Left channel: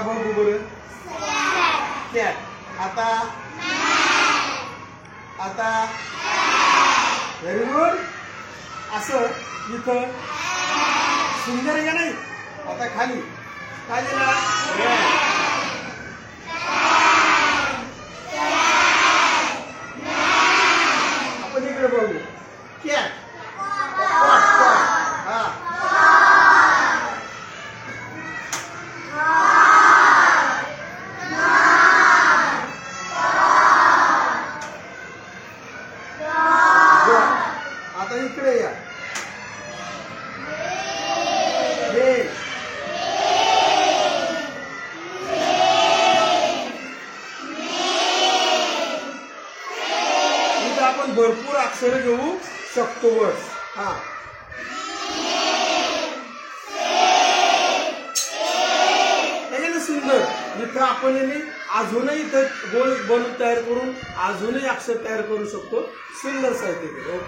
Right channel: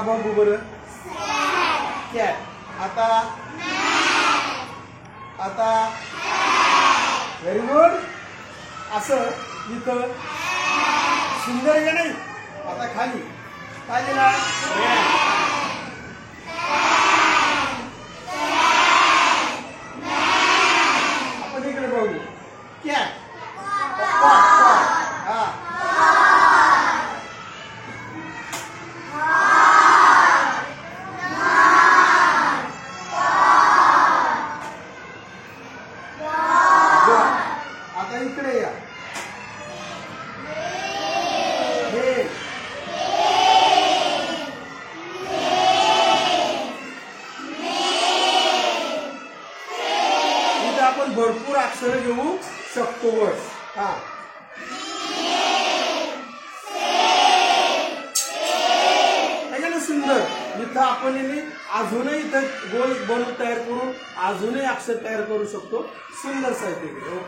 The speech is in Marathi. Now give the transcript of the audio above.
आता बघू बरं कॅट. आता आता व्हेरी गुड. असं इथं सुंदर आहे का नाही. आता खाली काय दिला आपण इकडे बघू कॅट. हा आता इकडे या इथं आपण भरपूर अक्षर घेऊ शकतो बस. हा सुंदर. इथं आपण अजूनही इथं गोल बन तयार करून अजूनही अक्षर तयार करू शकतो. सुंदर साहित्य.